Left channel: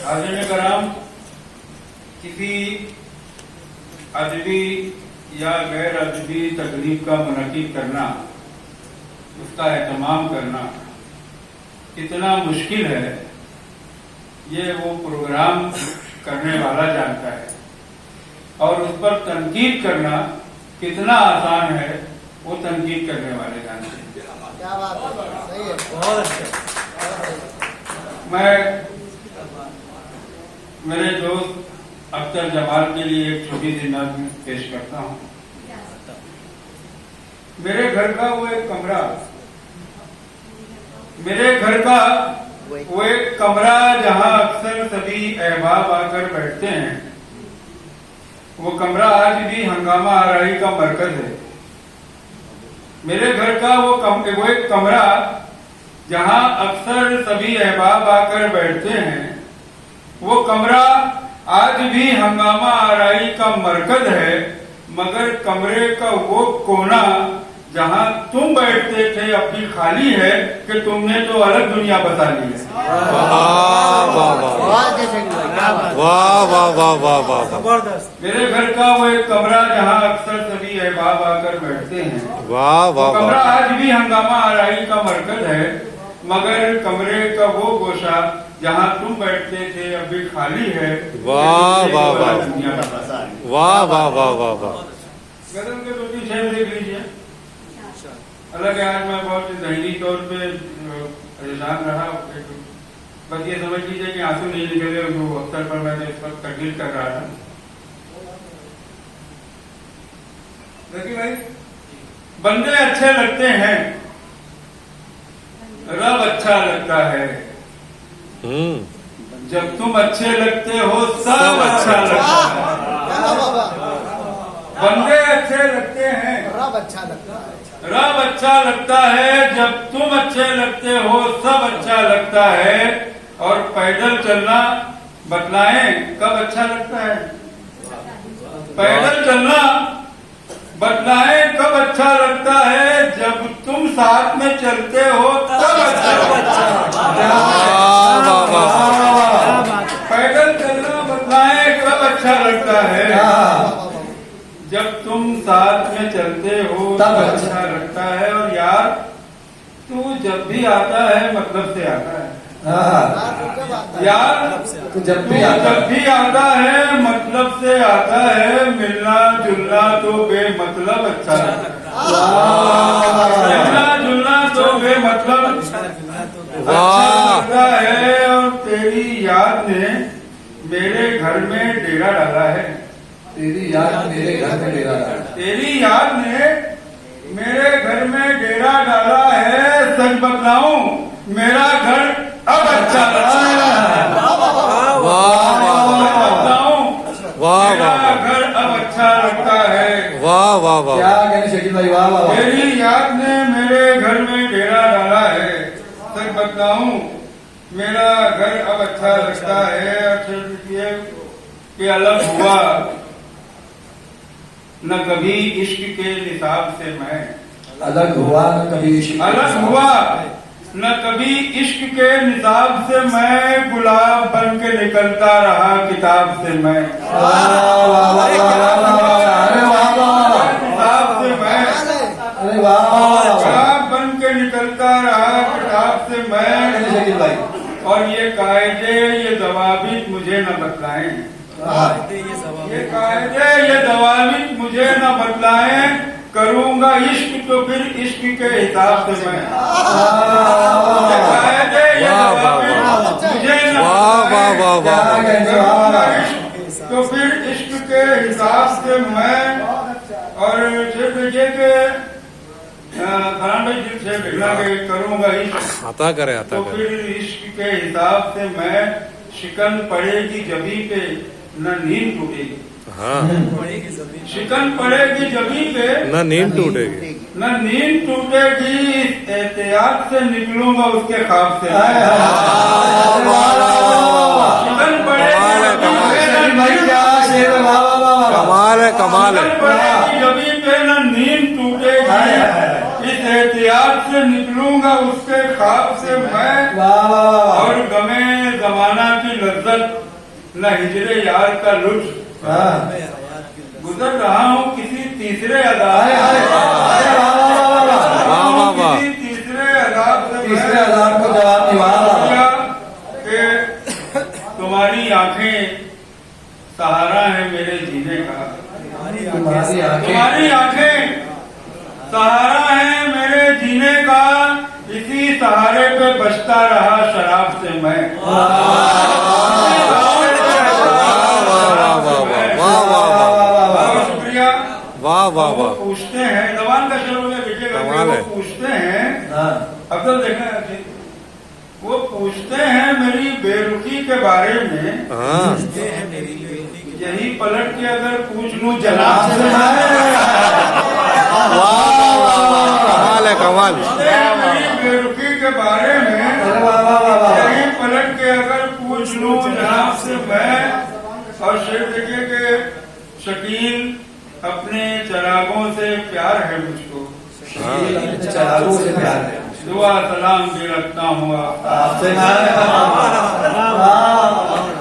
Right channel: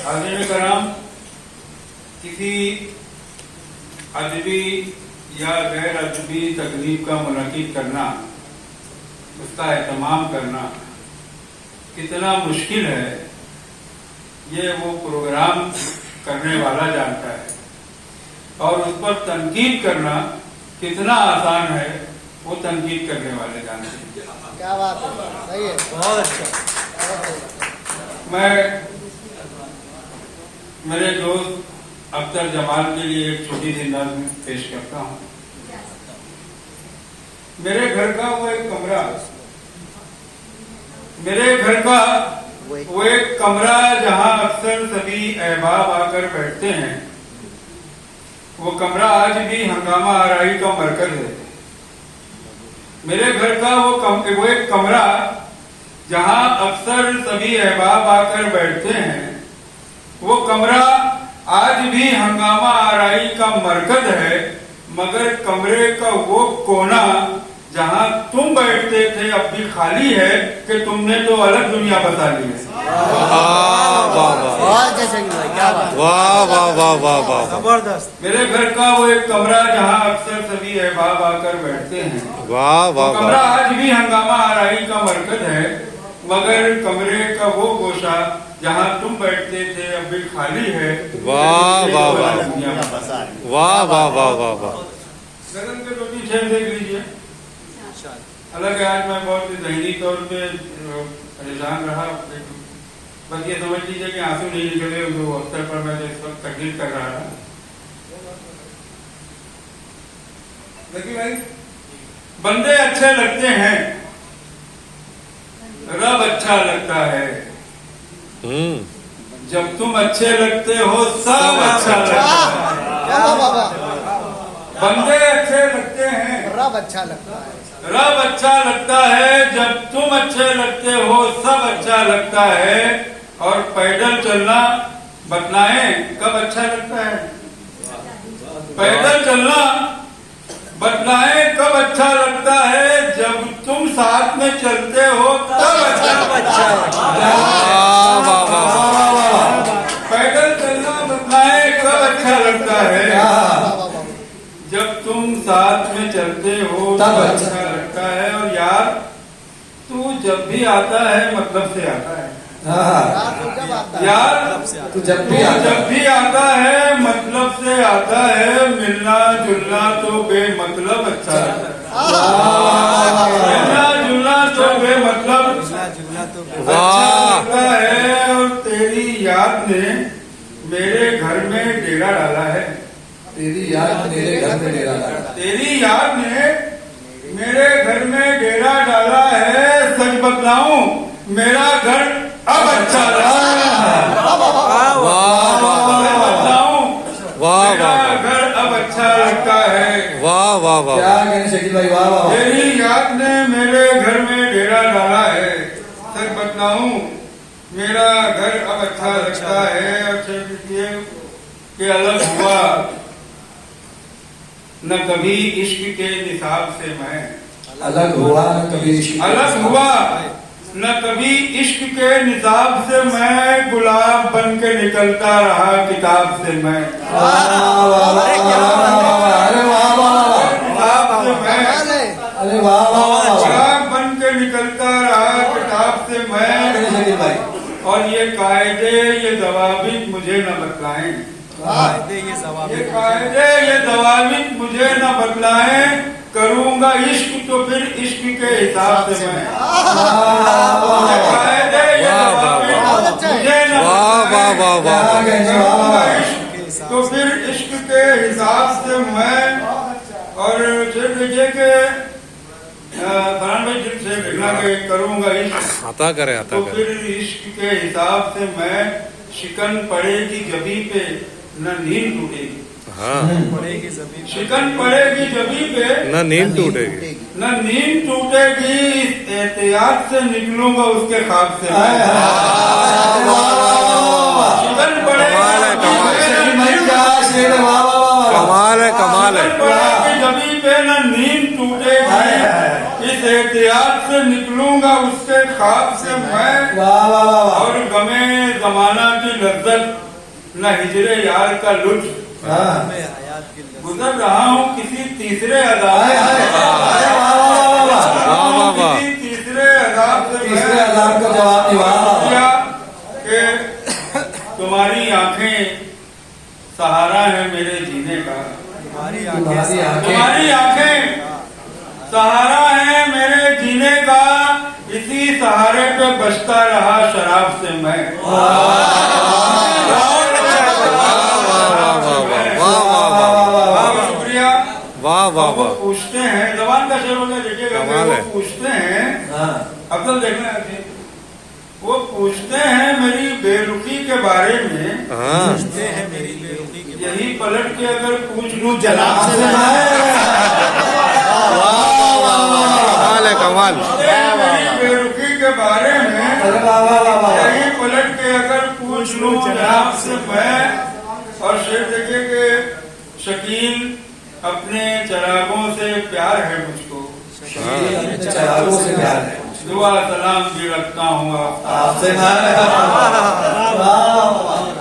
हाज़िर कराम, किसी अदबी या गैर अदबी तकरीब का मुनक़िद करना, उसका एहतमाम करना कितना मुश्किल है, ये वो प्रोग्राम करने वाला जानता है, और उस पर तनकीद करना कितना आसान है, वो तनकीद करने वाले जानते हैं। क्या बात है, सही है, बहुत अच्छा। मैं मेरे दोस्त अख्तर जमाल के लिए एक छोटी सी नज़्म पेश करता हूँ। मेरे घर का वो एक कमरा, मेरे घर का वो एक कमरा जहाँ अक्सर सभी अहबाब आकर बैठते हैं, वो कमरा आज भी हंगामा आराई का मरकज है। मेरे घर का वो एक कमरा जहाँ अक्सर सभी अहबाब आकर बैठते हैं, वो कमरा आज भी हंगामा आराई का मरकज है, मगर कमरे का वो कोना जहाँ तुम बैठते थे अब भी खाली है कि तुमने तो अलग दुनिया बसा ली है। वाह वाह वाह वाह वाह वाह वाह वाह, जबरदस्त। मेरे घर का वो एक कमरा जहाँ अक्सर सभी अहबाब आकर बैठते हैं, वाह वाह कमरा वाह, आज भी हंगामा आराई का मरकज है, मगर कमरे का वो गोशा जहाँ तुम बैठते थे अब भी खाली है। वाह वाह वाह दुनिया बसा ली। वाह वाह वाह वाह वाह। गजल के 2-3 शेर देख लीजिए। हालांकि आज मैं बहुत जहनी तौर पे परेशान रहा, बस ये समझ लीजिए कि आंसू नहीं निकले जो अवसर पर मैंने इस वक्त तकलीफ कर रहा था। देखिए भाई, बंदे अच्छे लगते हैं, रब अच्छा लगता है, जब तुम अच्छे लगते हो सब अच्छा लगता है। बंदे अच्छे लगते हैं, रब अच्छा लगता है, रब अच्छा लगता है, जब तुम अच्छे लगते हो सब अच्छा लगता है। और पैदल चलना बतलाएं कब अच्छा लगता है, पैदल चलना बतलाएं कब अच्छा लगता है, जब तुम साथ में चलते हो तब अच्छा लगता है। वाह वाह वाह, पैदल चलना बतलाएं कब अच्छा लगता है, जब तुम साथ में चलते हो तब अच्छा लगता है। और यार तू जब भी आता है मतलब से आता है, यार तू जब भी आता है मतलब से आता है, मिलना जुलना तो बेमतलब अच्छा लगता है, मिलना जुलना तो बेमतलब वाह लगता है। और तेरी याद ने मेरे घर में डेरा डाला है, तेरी याद मेरे घर में डेरा डाला, तेरी याद ने मेरे घर में डेरा डाला है। सच बतलाऊं मेरा घर अब अच्छा लगता है, वाह वाह वाह बतलाऊं वाह मेरा वाह घर अब अच्छा लगता है। वाह वाह वाह, क्या कहने शकील भाई, वाह वाह वाह। तेरी याद ने मेरे घर में डेरा डाला है, सच बतलाऊं मेरा घर अब अच्छा लगता है। अच्छा लिखिए कि अलग हुआ न कभी इश्क के निसाब से मैं, अलग हुआ न कभी इश्क, अलग हुआ न कभी इश्क के निसाब से मैं, गुलाब बन के निकलता रहा किताब से मैं, वाह वाह वाह वाह, अरे वाह वाह, किताब से मैं, अरे वाह वाह, गुलाब बन के निकलता रहा किताब से मैं। शकील भाई, और ये कायदे ये दवाबित मुझे न बतलाएं, ये कायदे ये दवाबित मुझे न बतलाएं, करूंगा इश्क तो फिर इश्क के हिसाब से मैं, ये कायदे ये दवाबित मुझे न वाह वाह वाह वाह, करूंगा इश्क तो फिर इश्क के हिसाब से मैं। और शेर लीजिए के फरहान भाई दिल से घटना के करूंगा इश्क आता करे तो फिर इश्क के हिसाब से मैं, शिकन पड़ेगी जबी पे न नींद टूटेगी, हाँ, शिकन पड़ेगी जबी पे ना नींद टूटेगी, न नींद टूटेगी, इस एहतियात से निकलूंगा उसके ख्वाब से। शिकन कमाल है, कमाल है। शकील भाई क्या शेर है, वाह वाह वाह, कमाल है कमाल है। पड़ेगी जबी पे न नींद टूटेगी, इस एहतियात से निकलूंगा उसके ख्वाब से मैं, वाह वाह वाह वाह और गमे जमाना की लज्जत न हिजरे यार का लुत्फ। हाँ गुजर रहा हूँ किसी तीसरे अदाब हाय हाय अरे वाह वाह वाह वाह वाह वाह वाह किसी तीसरे अदाब से तीसरे मैं अदाब को जवाब दिया। वाह वाह किया कि तुम्हारी आंखें सहारा है मेरे जीने का, तुम्हारी आंखें तुम्हारी आंखें सहारा है मेरे जीने का, इसी सहारे पे बचता रहा शराब से मैं। बहुत शुक्रिया। वाह वाह वो वाह पूछते हैं, जबान का शेर होगा देखिएगा, कमाल है। वो पूछते हैं, हाँ अब तो देखना है, वो पूछते हैं मेरी बेरुखी के बारे में, हाँ यही पलट के अगर पूछ लूं जनाब आपसे से, वाह वाह वाह वाह कमाल है कमाल। पूछते हैं मेरी बेरुखी के बारे में, अरे वाह वाह वाह वाह यही पलट के अगर पूछ लूं जनाब से मैं। और शेर देखिए कि शकीन अपने चरागों से प्यार है मुझको, अपने चरागों से प्यार है दुआ सलाम भी रखता हूँ आपसे। वाह वाह वाह